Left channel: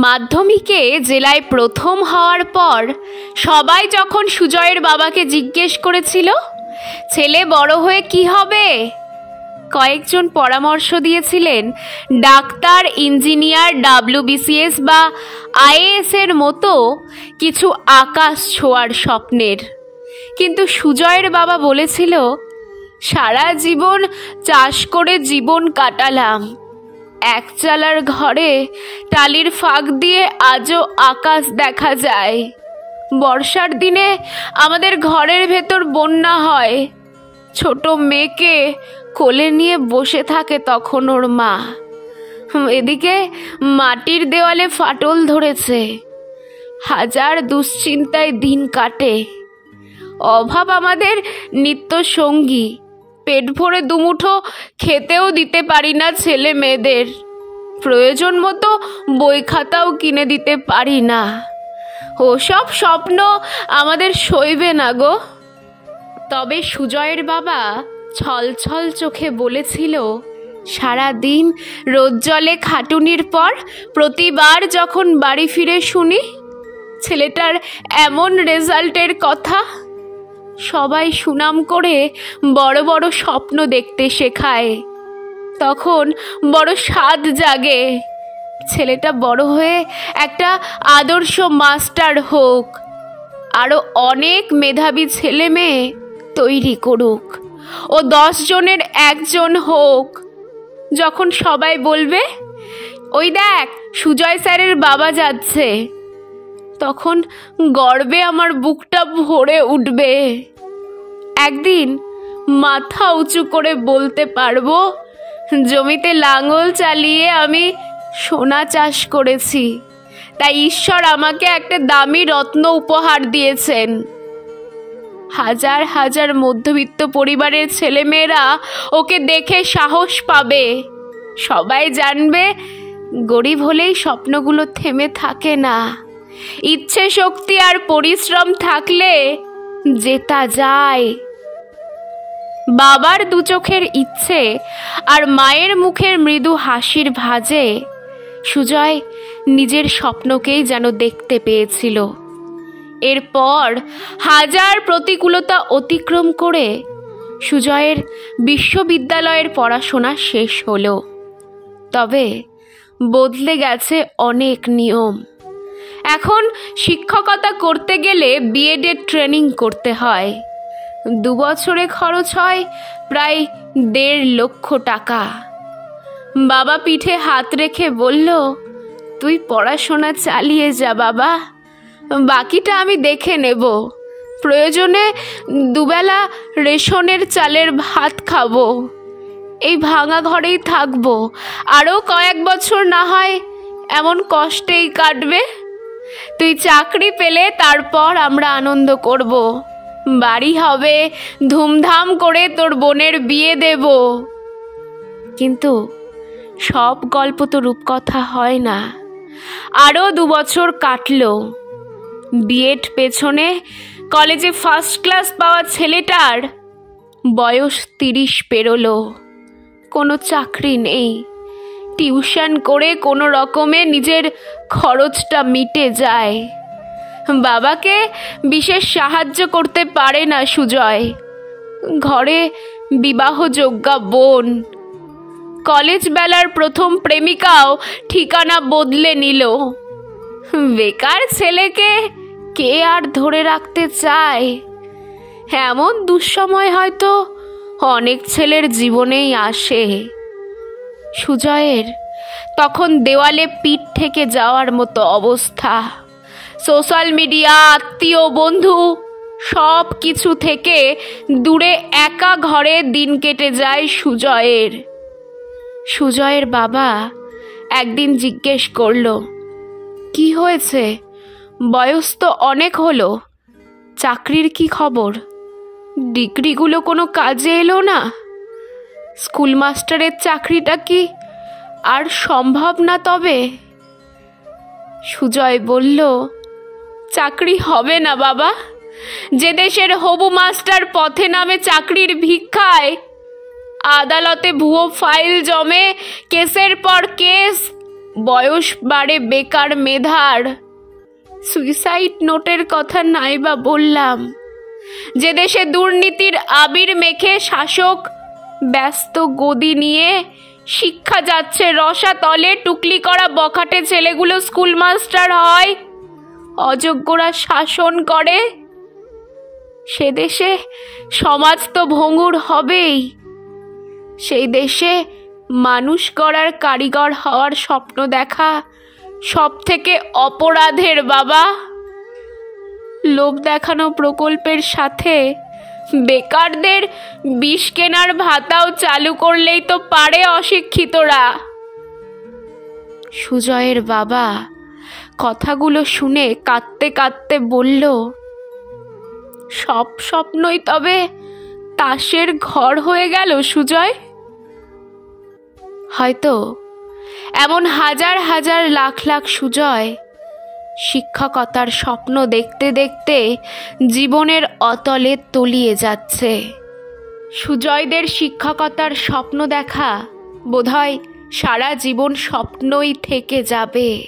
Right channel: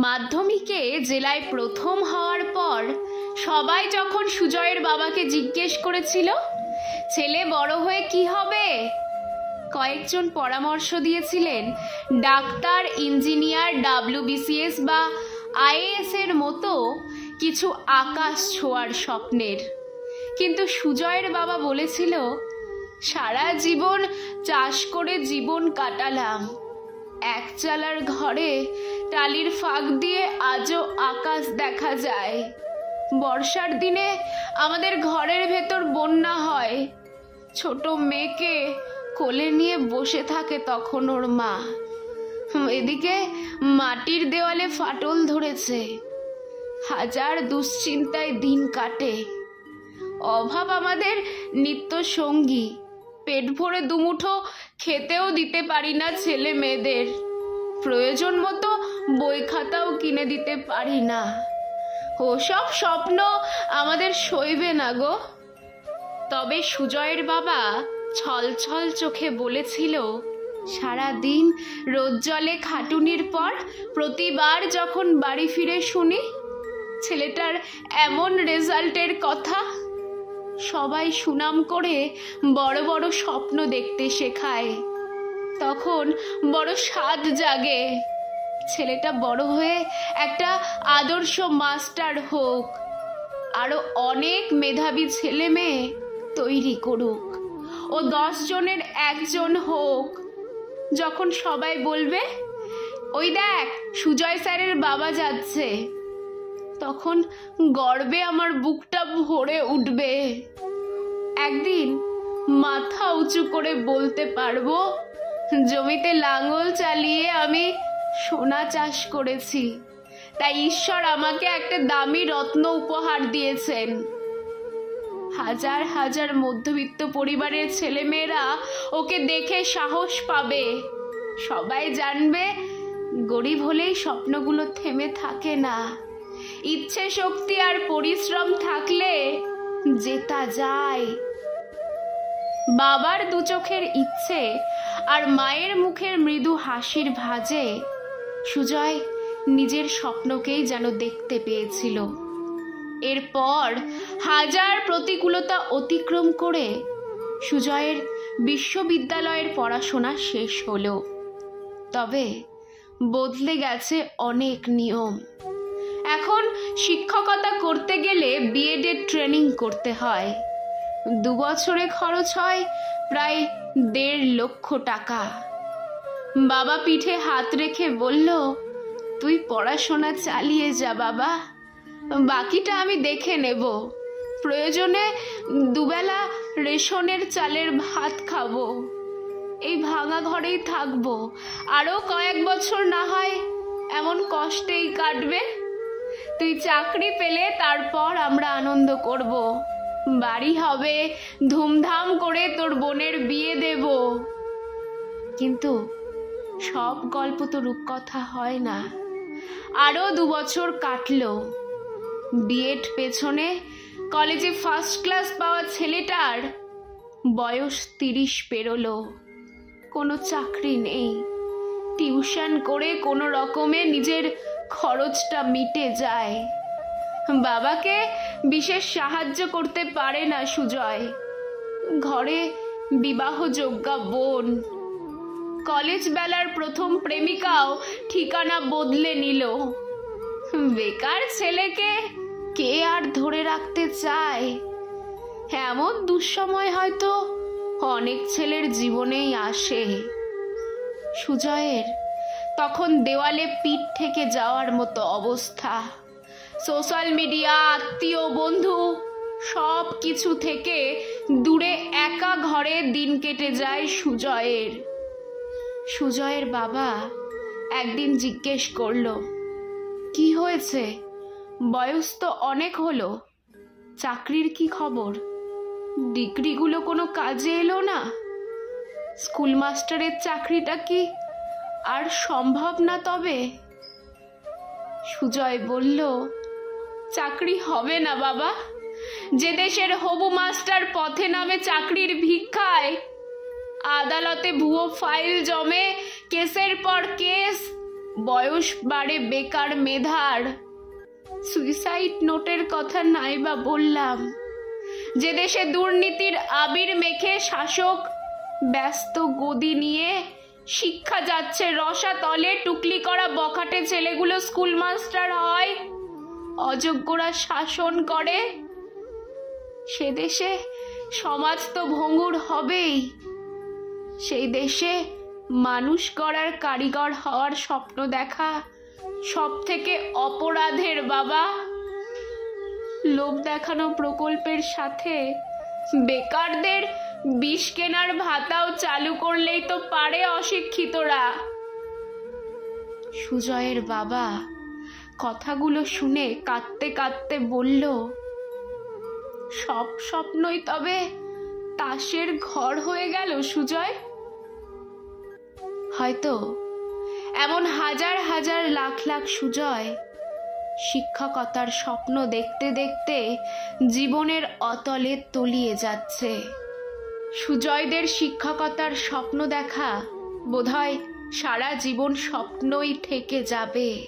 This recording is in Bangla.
মাধ্যমিকে জেলায় প্রথম হওয়ার পর সবাই যখন সুজয়ের বাবাকে জিজ্ঞেস করেছিল ছেলে বড় হয়ে কি হবে, কয়েকজন পরামর্শ দিয়েছিলেন ডাক্তার, ইঞ্জিনিয়ার, WBCS বা IAS এর মতো কিছু আকাশ ছোঁয়ার স্বপ্নের। কিন্তু সুজয়ের বাবা বলেছিল, সারা জীবন চাষ করে জীবন কাটালাম, এক চালার ঘরে টালির ফাঁক দিয়ে আজও আকাশ দেখা যায়। বর্ষার দিনে আমাদের ঘরের ভেতর বন্যা হয়, ছোট মেয়েকে কোলে নিয়ে বসে থাকে তখন ওর মা। এদিকে মাটির দেওয়ালে ফাটল ধরেছে, হাজার দুশ্চিন্তায় দিন কাটে। অভাব আমাদের নিত্য সঙ্গী, পেট ভরে দুমুঠো খেতেও দিতে পারি না ছেলে মেয়েদের, প্রয়োজন মতো বই খাতাও কিনে দিতে পারি না। ওসব স্বপ্ন আমাদের সইবে না গো। তবে সুজয়ের বাবা ছলছল চোখে বলেছিল, সারা দিন রোদ জলে খাটুনির পর প্রতিবার যখন বাড়ি ফিরে শুনি ছেলেটার এমন রেজাল্টের কথা, সবাই সুনাম করে বড় বড় স্বপ্ন দেখতে শেখায়, তখন বড় স্বাদ জাগে ছেলেটা বড় হয়ে একটা আদর্শ মাস্টার হোক, আরও অনেক মেধাবী ছেলে মেয়ে তৈরি করুক, ও 10 জনের একজন হোক। যখন সবাই বলবে, ওই দেখ সুজয় স্যারের বাবা যাচ্ছে, তখন গর্বে আমার বুকটা ভরে উঠবে। একদিন মাথা উঁচু করে বলতে পারবো, জমিতে লাঙল চালিয়ে আমি সোনা চাষ করেছি, তাই ঈশ্বর আমাকে একটা দামি রত্ন উপহার দিয়েছেন। হাজার হাজার মধ্যবিত্ত পরিবারের ছেলেমেয়েরা ওকে দেখে সাহস পাবে, সবাই জানবে গরিব হলেই স্বপ্নগুলো থেমে থাকে না, ইচ্ছে শক্তি আর পরিশ্রম থাকলে জেতা যায়। বাবার দু চোখের ইচ্ছে আর মায়ের মুখের মৃদু হাসির ভাঁজে সুজয় নিজের স্বপ্নকেই যেন দেখতে পেয়েছিল। এরপর হাজার প্রতিকূলতা অতিক্রম করে সুজয়ের বিশ্ববিদ্যালয়ের পড়াশোনা শেষ হলো। তবে বদলে গেছে অনেক নিয়ম। এখন শিক্ষকতা করতে গেলে BEd এর ট্রেনিং করতে হয়, 2 বছরে খরচ হয় প্রায় 1.5 লক্ষ টাকা। বাবা পিঠে হাত রেখে বলল, তুই পড়াশোনা চালিয়ে যা বাবা, বাকিটা আমি দেখে নেব, প্রয়োজনে 2 বেলা রেশনের চালের ভাত খাবো, এই ভাঙা ঘরেই থাকবো, আরও কয়েক বছর না হয় এমন কষ্টেই কাটবে, তুই চাকরি পেলে তারপর আমরা আনন্দ করব, বাড়ি হবে, ধুমধাম করে তোর বোনের বিয়ে দেব। কিন্তু সব গল্প তো রূপকথা হয় না। আরও 2 বছর কাটলো। BEd পেছনে কলেজে ফার্স্ট ক্লাস পাওয়া ছেলেটার বয়স 30 পেরোলো, কোনো চাকরি নেই, টিউশন করে কোনো রকমে নিজের খরচটা মিটে যায়। বাবাকে বিশেষ সাহায্য করতে পারে না সুজয়, ঘরে বিবাহযোগ্যা বোন, কলেজ বেলার প্রথম প্রেমিকাও ঠিকানা বদলে নিল। বেকার ছেলেকে কে আর ধরে রাখতে চায়? এমন দুঃসময় হয়তো অনেক ছেলের জীবনেই আসে। সুজয়ের তখন দেওয়ালে পিঠ থেকে যাওয়ার মতো অবস্থা। সোশ্যাল মিডিয়া, আত্মীয়, বন্ধু সব কিছু থেকে দূরে একা ঘরে দিন কেটে যায় সুজয়ের। সুজয়ের বাবা একদিন জিজ্ঞেস করলো, কি হয়েছে, বয়স তো অনেক হলো, চাকরির কি খবর, ডিগ্রিগুলো কোনো কাজে এলো না, স্কুল মাস্টারের চাকরিটা কি আর সম্ভব না? তবে সুজয় বলল, চাকরি হবে না বাবা, যে দেশের হবু মাস্টার পথে নামে চাকরির ভিক্ষায়, আদালতে ভুয়ো ফাইল জমে কেসের পর কেস, বয়স বাড়ে বেকার মেধার। সুইসাইড নোটের কথা নাই বা বললাম। যে দেশে দুর্নীতির আবির মেখে শাসক ব্যস্ত গদি নিয়ে শিক্ষা যাচ্ছে রসাতলে, টুকলি করা বখাটে ছেলেগুলো স্কুল মাস্টার হয়, অযোগ্যরা শাসন করে, সে দেশে সমাজ তো ভঙ্গুর হবেই। সেই দেশে মানুষ গড়ার কারিগর হওয়ার স্বপ্ন দেখা সব থেকে অপরাধের বাবা। লোভ দেখানো প্রকল্পের সাথে বেকারদের বিষ কেনার ভাতাও চালু করলেই তো পারে অশিক্ষিতরা। সুজয়ের বাবা কথাগুলো শুনে কাঁদতে কাঁদতে বলল, সব স্বপ্নই তবে তাসের ঘর হয়ে গেল সুজয়। হয়তো এমন হাজার হাজার লাখ লাখ সুজয় শিক্ষকতার স্বপ্ন দেখতে দেখতে জীবনের অতলে তলিয়ে যাচ্ছে। সুজয়দের শিক্ষকতার স্বপ্ন দেখা বোধহয় সারা জীবন স্বপ্নই থেকে যাবে।